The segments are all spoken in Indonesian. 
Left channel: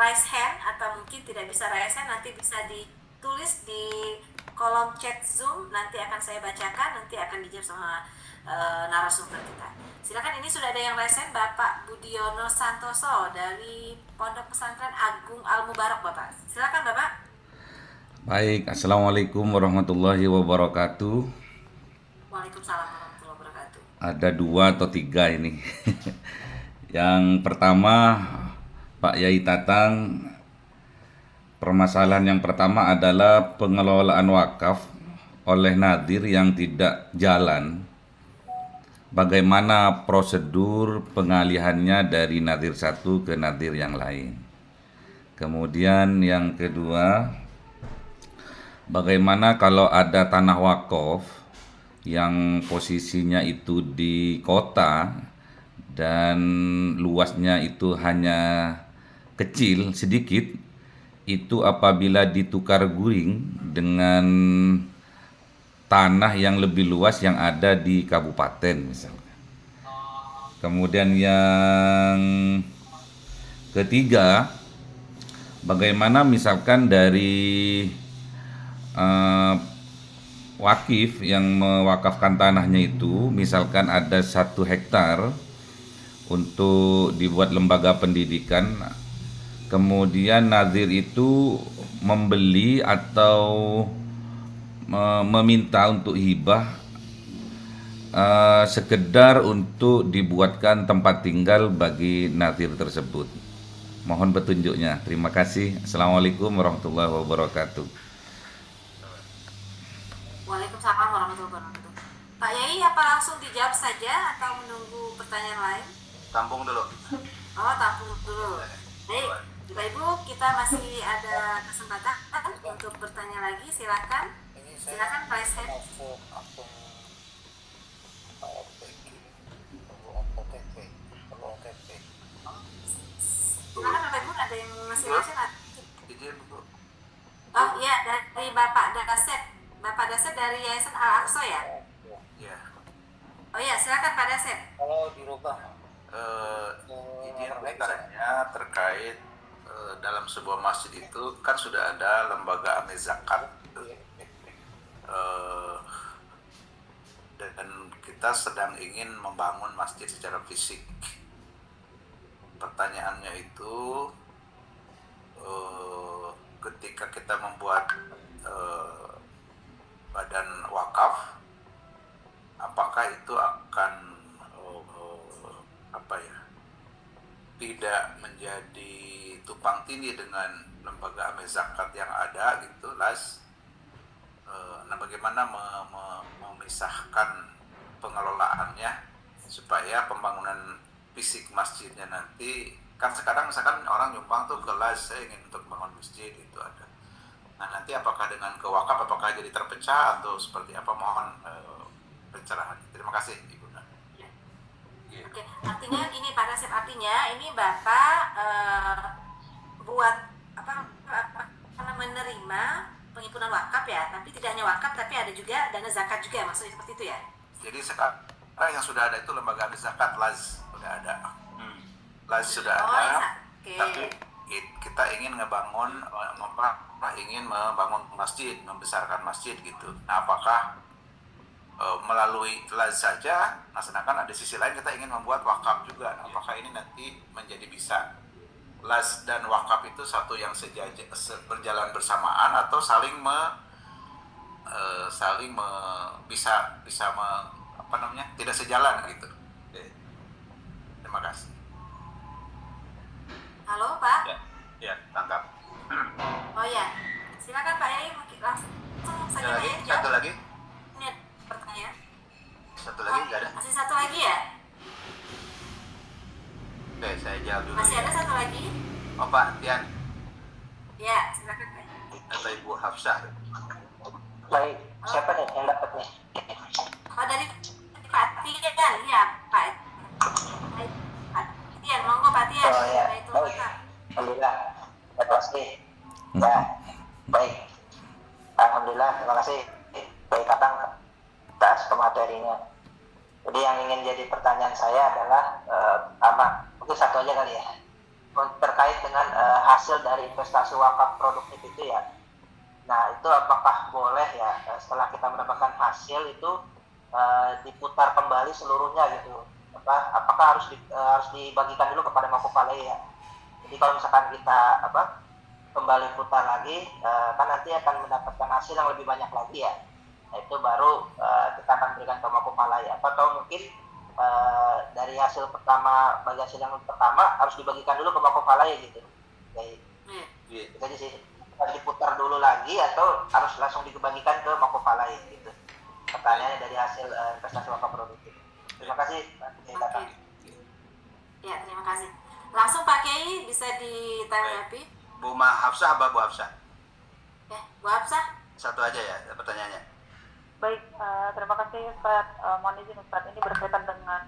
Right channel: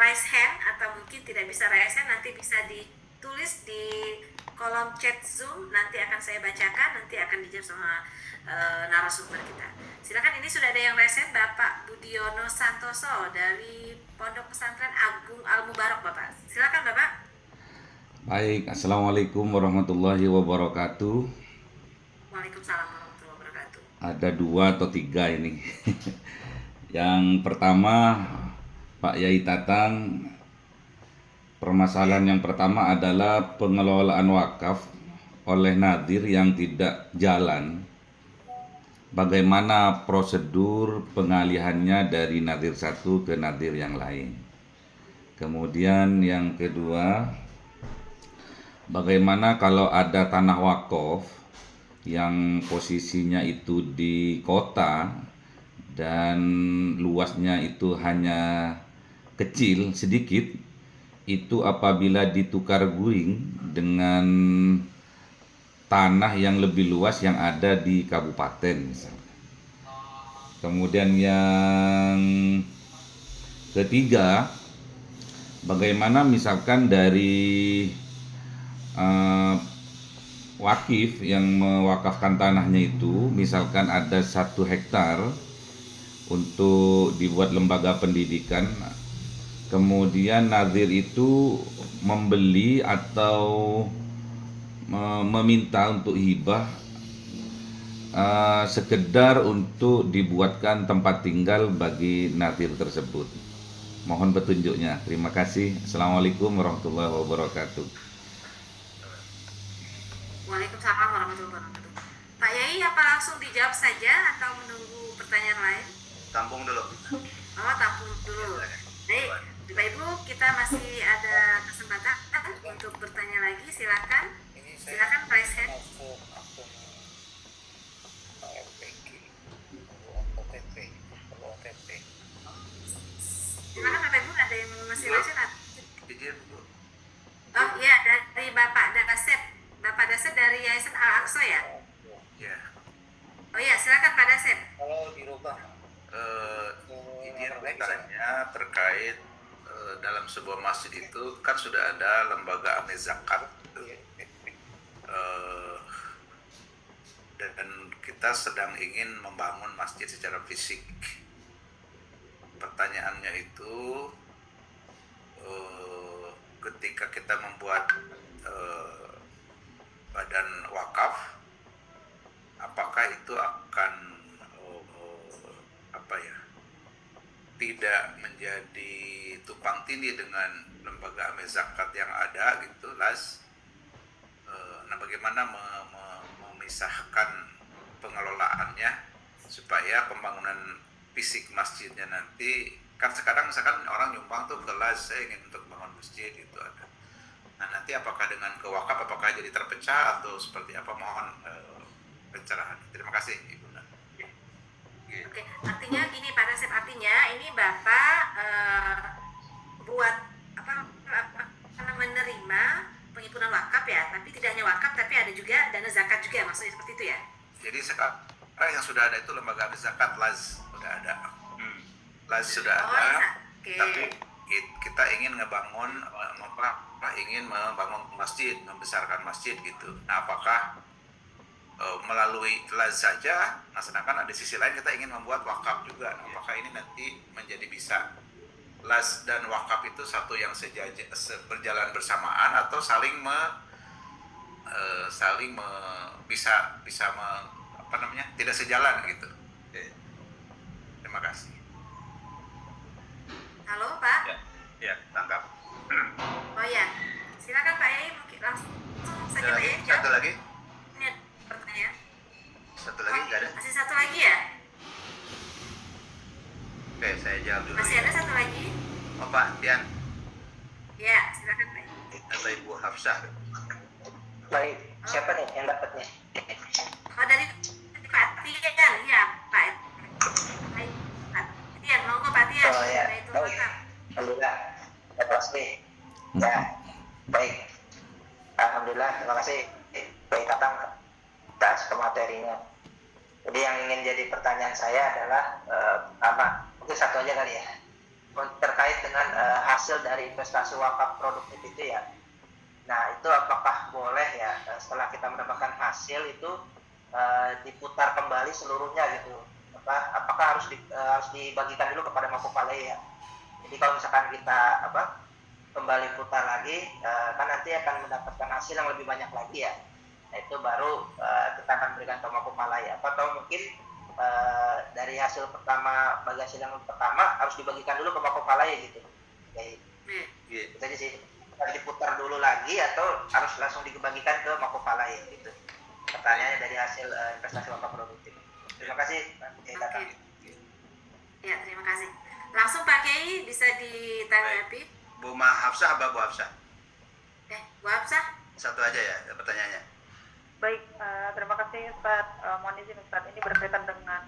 raise hand atau mungkin tidak bisa raise hand, nanti bisa ditulis di kolom chat Zoom, nanti akan saya bacakan, nanti akan dijawab sama narasumber kita. Silakan, ini sudah ada yang raise hand, Bapak Budiono Santoso dari Pondok Pesantren Agung Al Mubarak, Bapak. Silakan, Bapak. Baik, Assalamualaikum warahmatullahi wabarakatuh. Waalaikumsalam warahmatullahi wabarakatuh. Ada dua atau tiga ini. Yang pertama, Pak Yai Tatang, permasalahan yang pertama adalah pengelolaan wakaf oleh nadir yang tidak jalan. Bagaimana prosedur pengalihannya dari nadir satu ke nadir yang lain. Kemudian yang kedua, bagaimana kalau ada tanah wakaf yang posisinya itu di kota dan luasnya itu hanya kecil sedikit, itu apabila ditukar guring dengan tanah yang lebih luas yang ada di kabupaten misalnya. Kemudian yang ketiga, bagaimana misalkan dari eh, wakif yang mewakafkan tanahnya itu, misalkan ada 1 hektar untuk dibuat lembaga pendidikan, kemudian nazir itu membeli atau meminta untuk hibah sekedar untuk dibuatkan tempat tinggal bagi nazir tersebut. Mohon petunjuknya. Terima kasih. Assalamualaikum warahmatullahi wabarakatuh. Waalaikumsalam warahmatullahi wabarakatuh. Pak Yai, apa langsung dijawab saja atau menunggu pertanyaan lain? Tampung dulu. Oh, tampung dulu. Baik, Bapak Ibu, kita masih ada kesempatan untuk bertanya lagi. Silakan, silakan raise hand. Silakan Bapak Ibu, ada yang masih raise hand? Oh iya, dari Bapak Dasep. Bapak Dasep dari Yayasan Al Aqsa ya? Ya. Oh iya, silakan Pak Dasep. Kalau dirubah Izin bertanya terkait dalam sebuah masjid itu kan sudah ada lembaga amil zakat. Dan kita sedang ingin membangun masjid secara fisik. Pertanyaannya itu, ketika kita membuat badan wakaf, apakah itu akan tidak menjadi tumpang tindih dengan lembaga amil zakat yang ada gitu, nah bagaimana memisahkan pengelolaannya supaya pembangunan fisik masjidnya nanti, kan sekarang misalkan orang nyumbang tuh ke saya ingin untuk bangun masjid itu ada. Nah nanti apakah dengan ke wakaf apakah jadi terpecah atau seperti apa, mohon pencerahan. Terima kasih Ibu. Oke, artinya gini Pak Dasep, artinya ini Bapak buat menerima penghimpunan wakaf ya, tapi tidak hanya wakaf tapi ada juga dana zakat juga, maksudnya seperti itu ya? Jadi sekarang yang sudah ada itu lembaga zakat, sudah ada. Sudah ada. Okay. Tapi kita ingin ingin membangun masjid, membesarkan masjid gitu. Nah, apakah melalui saja, nah sedangkan ada sisi lain kita ingin membuat wakaf juga. Nah, apakah ini nanti menjadi bisa dan wakaf itu satu yang berjalan bersamaan atau tidak sejalan gitu. Terima kasih. Halo Pak. Ya, tangkap. Oh ya, silakan Pak Yai, mungkin langsung saja Pak Yai. Satu lagi. Ini ada pertanyaan. Satu lagi nggak ada? Masih satu lagi ya? Oke, saya jawab dulu. Masih ada satu lagi? Oh Pak Tian. Ya, silakan Pak. Atau Ibu Hafsah. baik, siapa nih yang dapatnya? Oh, dari Pak Tian, ya Pak. Baik, Pak Tian, monggo Pak Tian. Oh ya, baik. Alhamdulillah, terima kasih. Ya, baik. Alhamdulillah, terima kasih. Baik Tatang atas pematerinya. Jadi yang ingin jadi pertanyaan saya adalah pertama, mungkin satu aja kali ya. terkait dengan hasil dari investasi wakaf produktif itu ya. Nah, itu apakah boleh ya setelah kita mendapatkan hasil itu diputar kembali seluruhnya gitu? Apakah harus dibagikan dulu kepada Mapopalai ya? Jadi kalau misalkan kita kembali putar lagi, kan nanti akan mendapatkan hasil yang lebih banyak lagi ya. Nah, itu baru kita akan berikan ke Mapopalai. Atau mungkin dari hasil pertama, bagi hasil yang pertama harus dibagikan dulu ke Mapopalai gitu. Kayak itu aja sih. Harus diputar dulu lagi atau harus langsung dibagikan ke Mapopalai gitu. Pertanyaannya dari hasil investasi wakaf produktif. Terima kasih Pak Kiai Tatang. Ya, terima kasih. Langsung Pak Kiai bisa ditanggapi. Bu Hafsah apa Bu Hafsah? Bu Hafsah? Satu aja ya pertanyaannya. Baik, terima kasih Ustaz. Mohon izin Ustaz, ini berkaitan dengan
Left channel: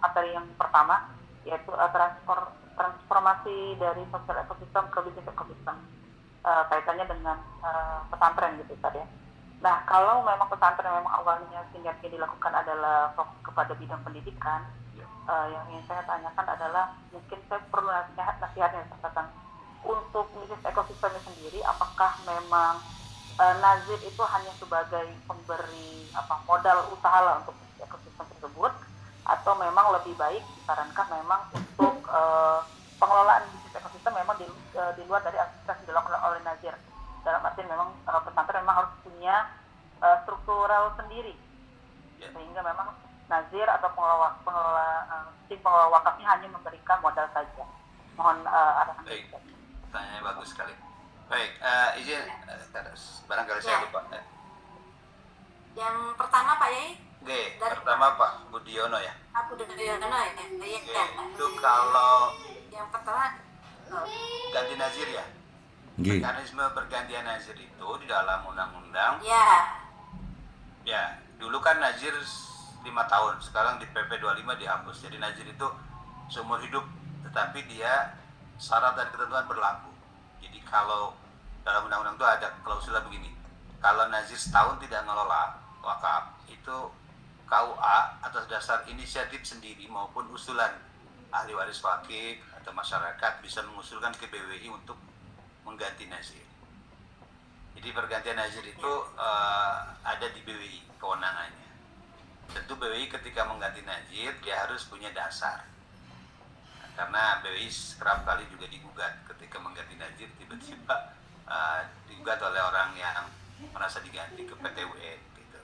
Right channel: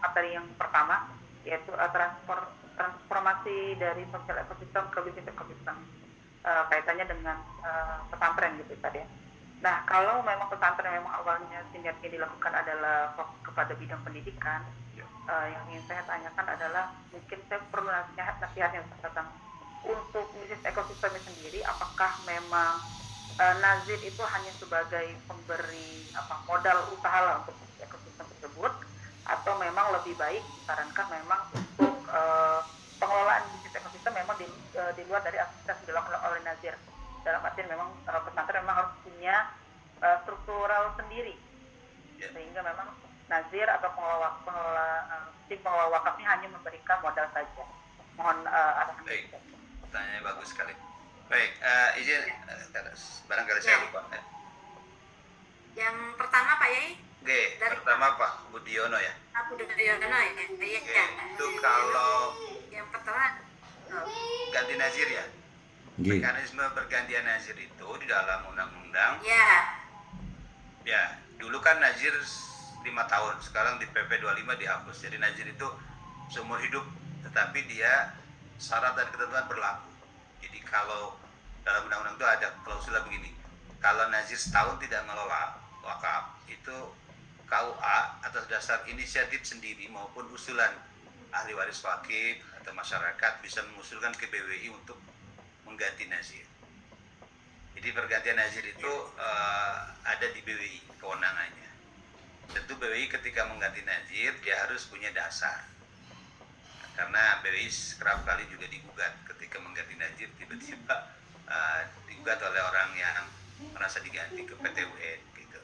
materi yang pertama, yaitu transformasi dari sosial ekosistem ke bisnis ekosistem. Kaitannya dengan pesantren gitu Ustaz ya. Nah, kalau memang pesantren memang awalnya sinergi dilakukan adalah fokus kepada bidang pendidikan, yang ingin saya tanyakan adalah mungkin saya perlu nasihatnya Ustaz tentang untuk bisnis ekosistemnya sendiri, apakah memang Nazir itu hanya sebagai pemberi modal usaha lah untuk ekosistem tersebut, atau memang lebih baik disarankan memang untuk pengelolaan bisnis ekosistem memang di luar dari aktivitas yang dilakukan oleh Nazir, dalam artian memang pesantren memang harus punya struktural sendiri, sehingga memang Nazir atau tim pengelola wakafnya hanya memberikan modal saja. Mohon arahan. Baik, pertanyaannya bagus sekali. Baik, izin barangkali saya lupa. Yang pertama Pak Yai? Pertama Pak Budiono ya. Aku Budiono ya. Itu kalau yang pertama ganti nazir ya. Mekanisme pergantian nazir itu di dalam undang-undang. Ya, dulu kan nazir 5 tahun, sekarang di PP 25 dihapus. Jadi nazir itu seumur hidup, tetapi dia syarat dan ketentuan berlaku. Jadi kalau dalam undang-undang itu ada klausul begini, kalau nazir setahun tidak ngelola wakaf, itu KUA atas dasar inisiatif sendiri maupun usulan ahli waris wakif atau masyarakat bisa mengusulkan ke BWI untuk mengganti nazir. Jadi pergantian nazir itu ada di BWI kewenangannya. Tentu BWI ketika mengganti nazir dia harus punya dasar. Karena BWI kerap kali juga digugat ketika mengganti nazir, tiba-tiba digugat oleh orang yang merasa diganti ke PT UN gitu,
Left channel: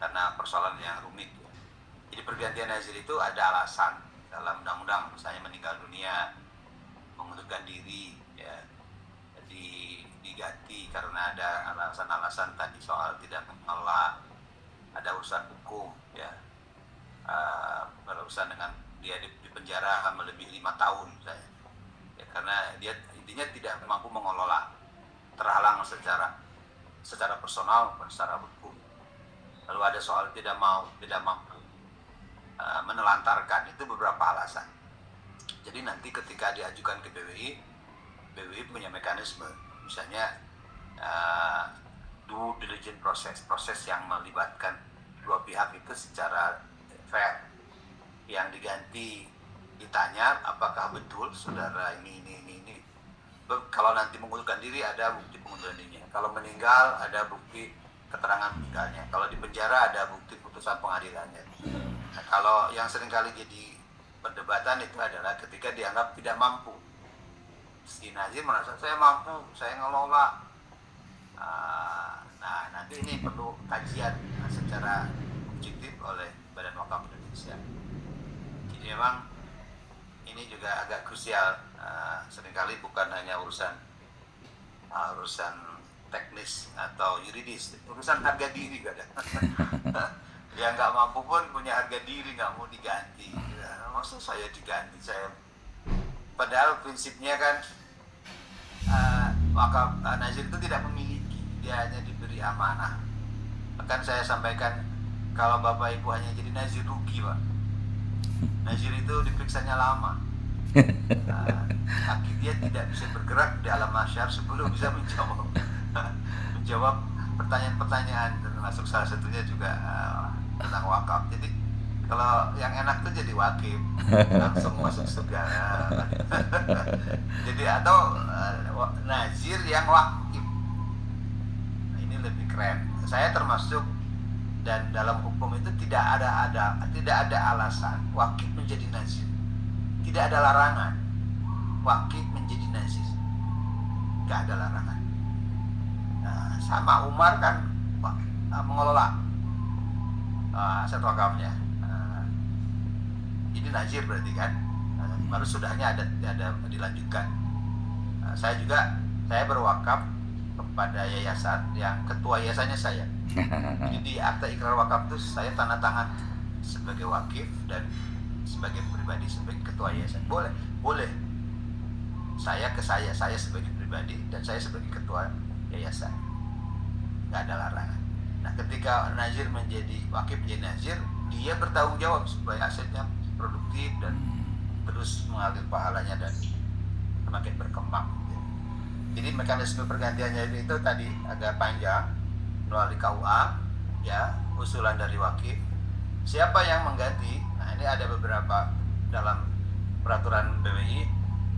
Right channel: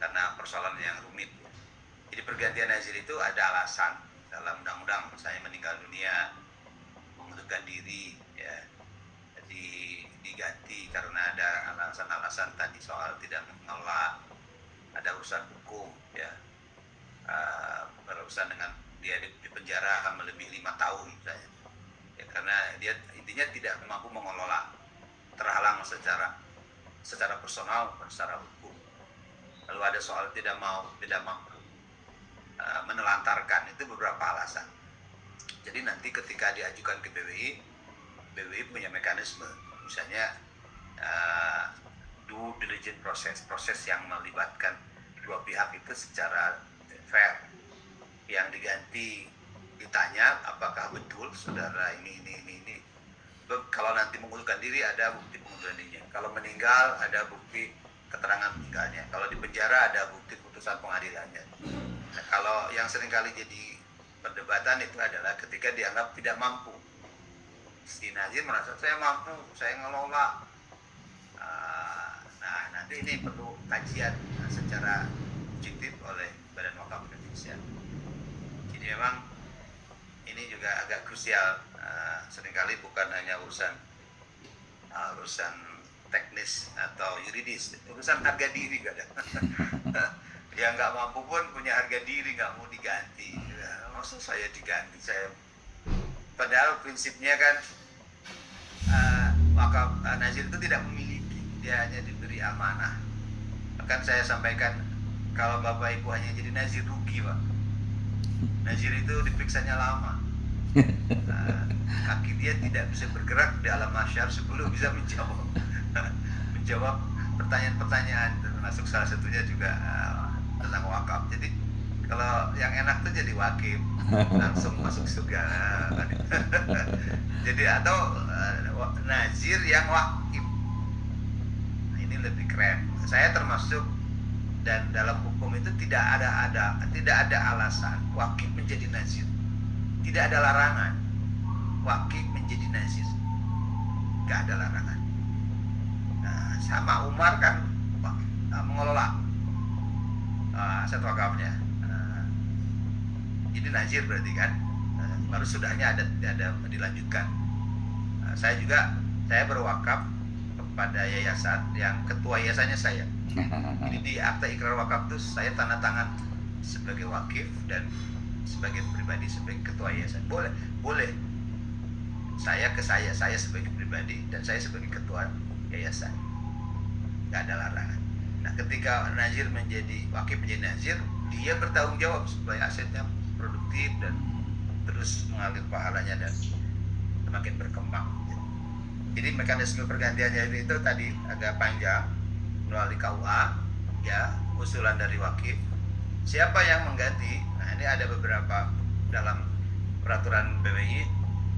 karena persoalan yang rumit. Jadi pergantian nazir itu ada alasan dalam undang-undang, misalnya meninggal dunia, mengundurkan diri, ya, diganti karena ada alasan-alasan tadi soal tidak mengelola, ada urusan hukum, ya. Berurusan dengan dia di penjara melebihi 5 tahun misalnya, ya, karena dia intinya tidak mampu mengelola, terhalang secara personal dan secara hukum. Lalu ada soal tidak mampu menelantarkan, itu beberapa alasan. Jadi nanti ketika diajukan ke BWI punya mekanisme, misalnya due diligence proses yang melibatkan dua pihak itu secara fair. Yang diganti ditanya apakah betul saudara ini. Kalau nanti mengundurkan diri ada bukti pengunduran dirinya. Kalau meninggal ada bukti keterangan meninggalnya. Kalau di penjara ada bukti putusan pengadilannya. Nah, kalau yang seringkali jadi perdebatan itu adalah ketika dianggap tidak mampu. Si nazir merasa saya mampu, saya ngelola. Nah, nanti ini perlu kajian secara objektif oleh Badan Wakaf Indonesia. Jadi memang ini juga agak krusial. Seringkali bukan hanya urusan teknis atau yuridis, urusan harga diri kadang. Yang nggak mampu pun punya harga diri, nggak mau diganti. Ya, maksud saya diganti, padahal prinsipnya kan wakaf nazir itu tidak memiliki, dia hanya diberi amanah. Bahkan saya sampaikan, kalau bapak ibu hanya jadi nazir rugi pak. Nazir itu diperiksanya lama, kaki dia tidak bisa bergerak di alam mahsyar sebelum bisa menjawab pertanyaan-pertanyaan, termasuk salah satunya juga tentang wakaf. Jadi Kalau yang enak tuh jadi wakif, langsung masuk surga. Nah, jadi atau nazir yang wakif. Nah, ini lebih keren. Saya termasuk, dan dalam hukum itu tidak ada alasan wakif menjadi nazir. Tidak ada larangan wakif menjadi nazir. Gak ada larangan. Nah, sama Umar kan mengelola aset wakafnya. Ini nazir berarti kan. Baru sudahnya ada dilanjutkan. Saya berwakaf kepada yayasan yang ketua yayasannya saya. Jadi di akta ikrar wakaf itu saya tanda tangan sebagai wakif dan sebagai pribadi sebagai ketua yayasan. Boleh. Saya sebagai pribadi dan saya sebagai ketua yayasan. Nggak ada larangan. Nah, ketika nazir menjadi wakif menjadi nazir, dia bertanggung jawab supaya asetnya produktif dan terus mengalir pahalanya dan semakin berkembang. Jadi mekanisme pergantiannya itu tadi agak panjang melalui KUA, ya, usulan dari wakif. Siapa yang mengganti? Nah, ini ada beberapa dalam peraturan BWI.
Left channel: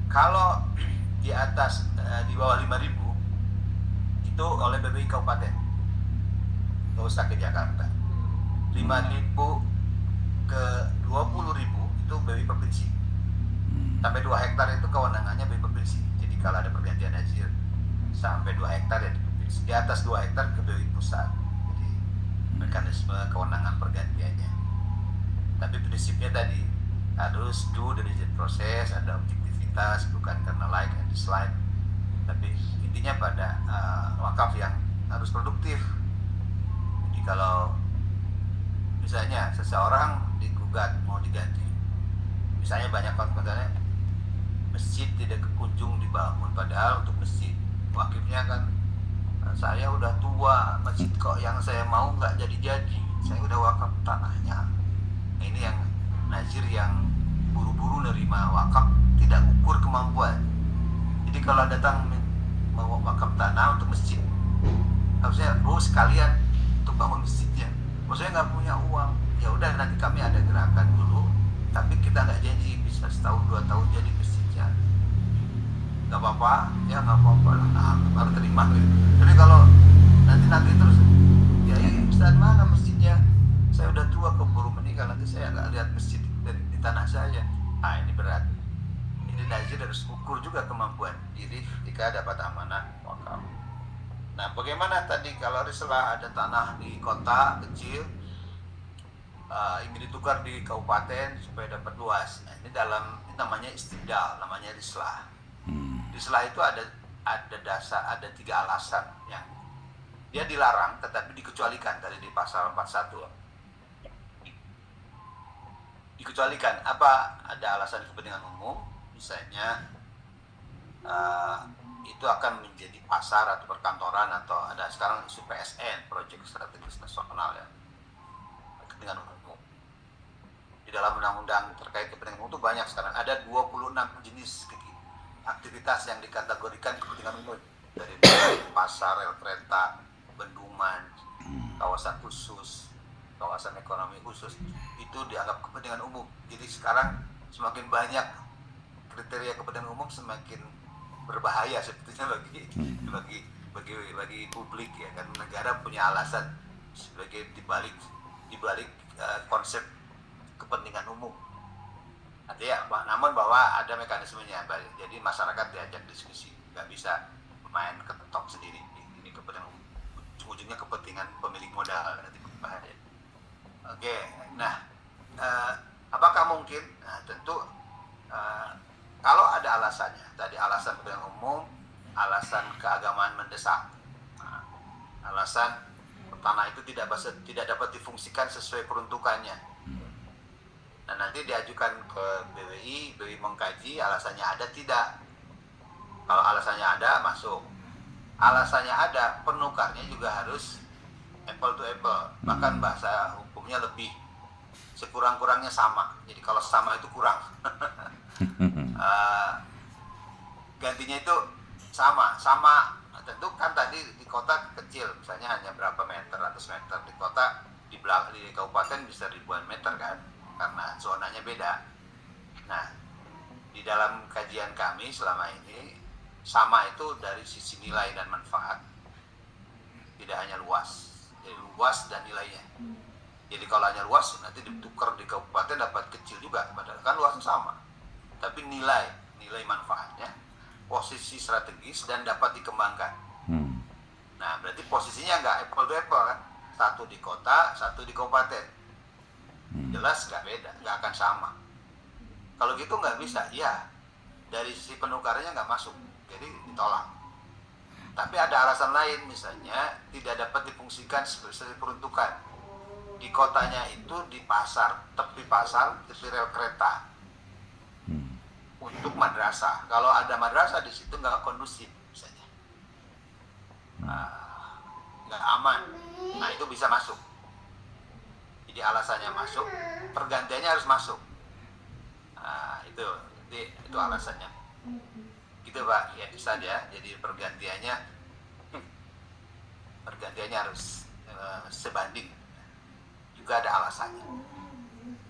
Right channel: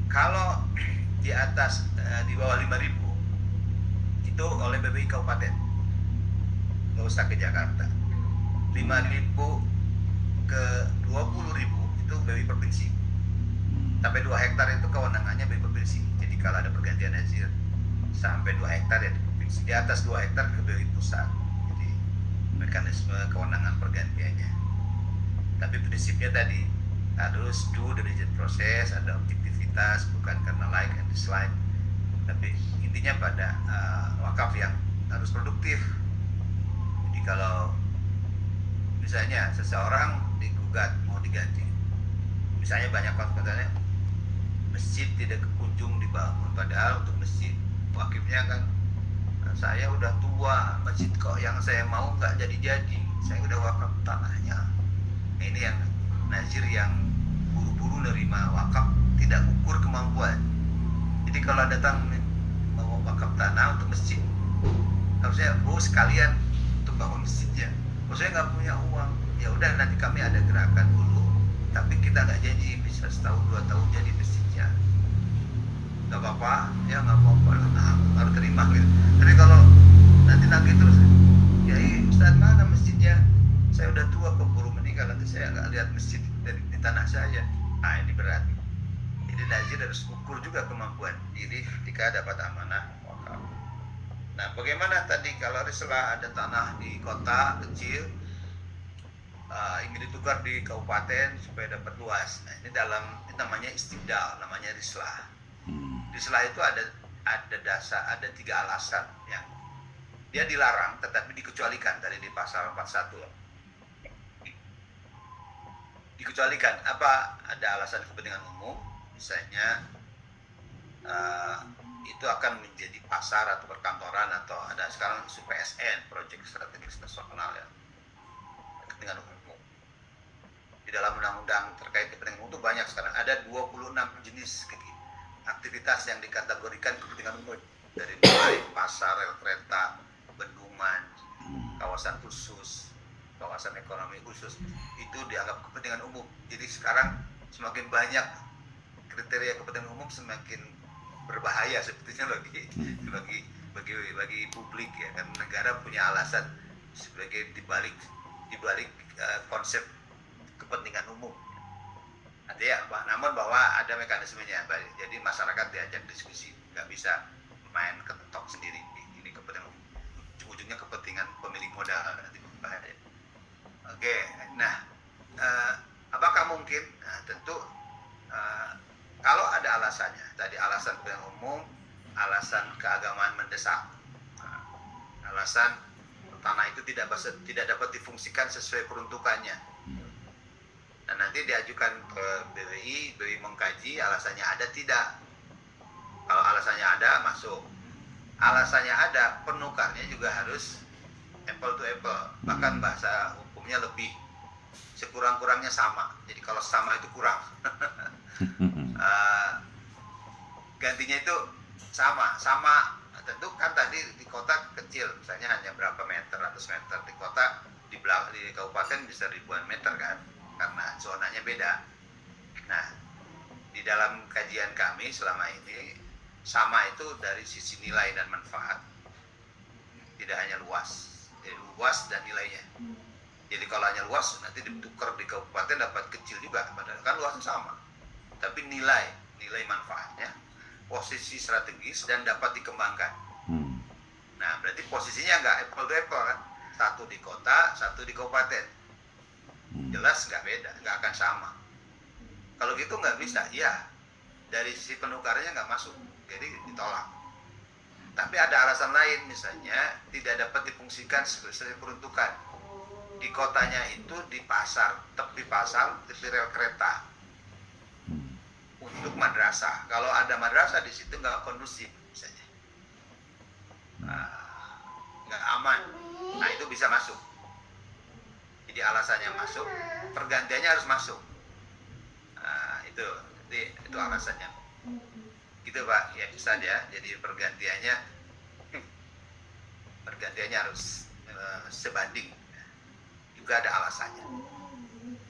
Kalau di atas di bawah 5.000 itu oleh BWI kabupaten, nggak usah ke Jakarta. 5.000 ke 20.000 itu BWI provinsi. Sampai 2 hektar itu kewenangannya BWI provinsi. Jadi kalau ada pergantian nazir sampai 2 hektar ya di provinsi. Di atas 2 hektar ke BWI pusat. Jadi mekanisme kewenangan pergantiannya. Tapi prinsipnya tadi harus due diligence proses, ada objektivitas, bukan karena like and dislike. Tapi intinya pada wakaf yang harus produktif. Jadi kalau misalnya seseorang digugat mau diganti, misalnya banyak konsumennya, masjid tidak kunjung dibangun, padahal untuk masjid wakifnya kan, saya udah tua, masjid kok yang saya mau nggak jadi-jadi, saya udah wakaf tanahnya. Nah, ini yang nazir yang buru-buru nerima wakaf, tidak ukur kemampuan. Jadi kalau datang mau wakaf tanah untuk masjid, harusnya sekalian untuk bangun masjidnya. Saya nggak punya uang, ya udah nanti kami ada gerakan dulu, tapi kita nggak janji bisa setahun 2 tahun jadi masjidnya. Nggak apa-apa, ya nggak apa-apa lah, nah, baru terima gitu. Tapi kalau nanti terus, ya Ustaz mana masjidnya? Saya udah tua, keburu meninggal, nanti saya nggak lihat masjid di tanah saya. Nah, ini berat. Jadi nazir harus ukur juga kemampuan diri ketika dapat amanah wakaf. Nah, bagaimana tadi kalau rislah ada tanah di kota kecil, ingin ditukar di kabupaten supaya dapat luas. Nah, ini namanya istibdal, namanya rislah. Rislah itu ada 3 alasan yang dia dilarang tetapi dikecualikan tadi di pasal 41. Dikecualikan apa? Ada alasan kepentingan umum, misalnya itu akan menjadi pasar atau perkantoran, atau ada sekarang isu PSN, proyek strategis nasional, ya, kepentingan umum. Di dalam undang-undang terkait kepentingan umum itu banyak sekarang, ada 26 jenis aktivitas yang dikategorikan kepentingan umum, dari mulai pasar, rel kereta, bendungan, kawasan khusus, kawasan ekonomi khusus, itu dianggap kepentingan umum. Jadi sekarang semakin banyak kriteria kepentingan umum, semakin berbahaya sebetulnya bagi publik, ya kan. Negara punya alasan sebagai dibalik konsep kepentingan umum. Artinya, namun bahwa ada mekanismenya, jadi masyarakat diajak diskusi, nggak bisa main ketok sendiri. Ini kepentingan umum, ujung-ujungnya kepentingan pemilik modal, nanti berbahaya. Oke, nah apakah mungkin? Nah, tentu kalau ada alasannya, tadi alasan kepentingan umum, alasan keagamaan mendesak, alasan tanah itu tidak dapat difungsikan sesuai peruntukannya. Nah, nanti diajukan ke BWI mengkaji alasannya ada tidak. Kalau alasannya ada, masuk. Alasannya ada, penukarnya juga harus apple to apple. Bahkan bahasa hukumnya lebih sekurang-kurangnya sama. Jadi kalau sama itu kurang. Gantinya itu sama. Tentu kan tadi di kota kecil, misalnya hanya berapa meter, ratus meter. Di kota, di kabupaten bisa ribuan meter kan. karena zonanya beda. Nah, di dalam kajian kami selama ini sama itu dari sisi nilai dan manfaat, tidak hanya luas, jadi luas dan nilainya. Jadi kalau hanya luas nanti ditukar di kabupaten dapat kecil juga, padahal kan luasnya sama. Tapi nilai manfaatnya, posisi strategis dan dapat dikembangkan. Nah, berarti posisinya nggak apple to apple kan? Satu di kota, satu di kabupaten. Jelas nggak beda, nggak akan sama. Kalau gitu nggak bisa, ya dari sisi penukarannya nggak masuk, jadi ditolak. Tapi ada alasan lain, misalnya tidak dapat difungsikan sebagai peruntukan. Di kotanya itu di pasar, tepi pasar, tepi rel kereta untuk madrasah. Kalau ada madrasah di situ nggak kondusif, misalnya, nggak aman. Nah, itu bisa masuk. Jadi alasannya masuk, pergantiannya harus masuk. Nah, itu alasannya. Gitu Pak, ya bisa ya. Jadi pergantiannya harus sebanding. Juga ada alasannya.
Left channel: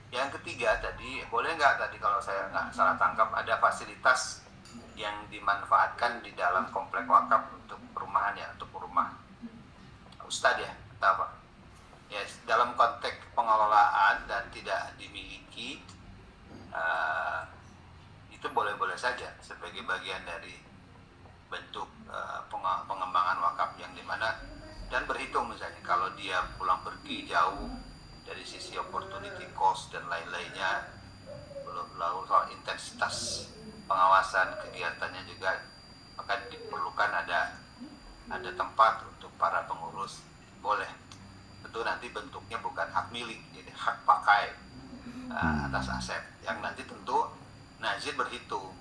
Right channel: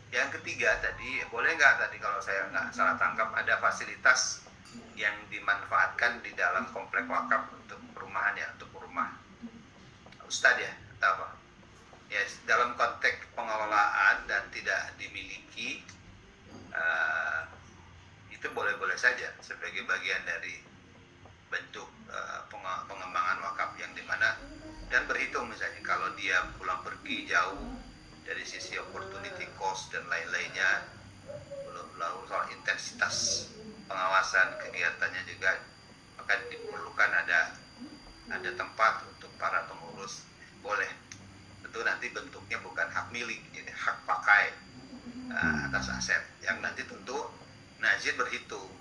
Yang ketiga tadi, boleh nggak tadi kalau saya nggak salah tangkap, ada fasilitas yang dimanfaatkan di dalam komplek wakaf untuk perumahan ya, untuk rumah Ustadz ya, atau apa? Ya, dalam konteks pengelolaan dan tidak dimiliki, itu boleh-boleh saja sebagai bagian dari bentuk pengembangan wakaf yang dimana dan berhitung misalnya kalau dia pulang pergi jauh dari sisi opportunity cost dan lain-lainnya, belum lalu soal intensitas pengawasan kegiatannya juga, maka diperlukan ada tempat untuk para pengurus, boleh. Tentu nanti bentuknya bukan hak milik, jadi hak pakai atas aset yang nanti tentu Nazir berhitung.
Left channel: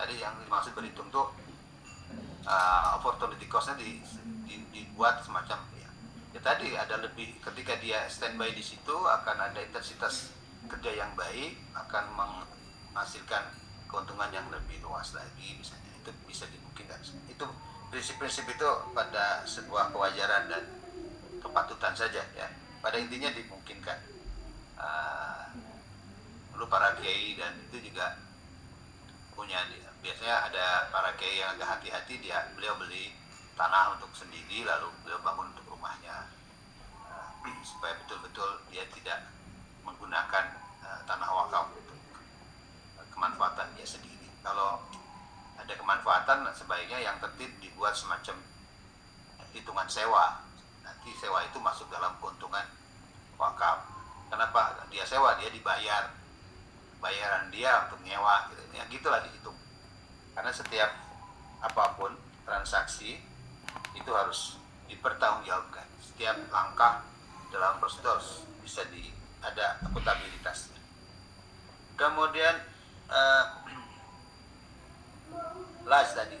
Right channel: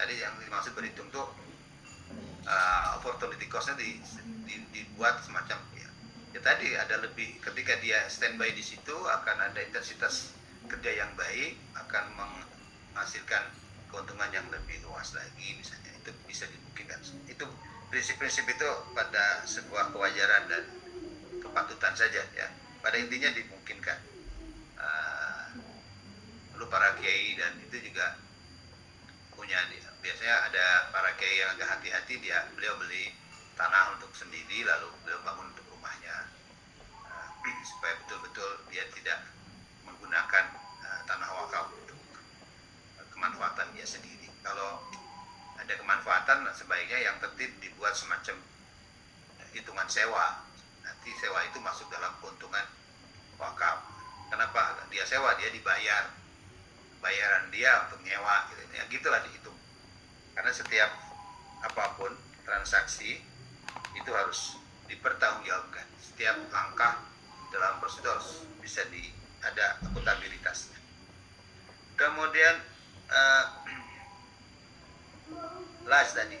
Tadi yang dimaksud berhitung tuh opportunity cost-nya dibuat semacam ya tadi ada lebih, ketika dia standby di situ akan ada intensitas kerja yang baik, akan menghasilkan keuntungan yang lebih luas lagi misalnya, itu bisa dimungkinkan. Itu prinsip-prinsip itu pada sebuah kewajaran dan kepatutan saja ya, pada intinya dimungkinkan. Perlu para kiai, dan itu juga punya, biasanya ada para kiai yang agak hati-hati, beliau beli tanah untuk sendiri lalu beliau bangun untuk rumahnya, supaya betul-betul dia tidak menggunakan tanah wakaf untuk kemanfaatan dia sendiri. Kalau ada kemanfaatan, sebaiknya yang tertib dibuat semacam hitungan sewa. Nanti sewa itu masuk dalam keuntungan wakaf. Kenapa dia sewa? Dia dibayar, bayaran dia untuk nyewa gitu. Ya gitulah dihitung. Karena setiap apapun transaksi itu harus dipertanggungjawabkan. Setiap langkah dalam prosedur bisa ada akuntabilitasnya. Kemudian las tadi,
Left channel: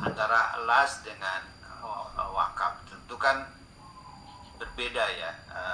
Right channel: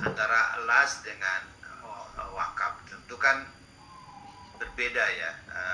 antara las dengan wakaf tentu kan berbeda ya.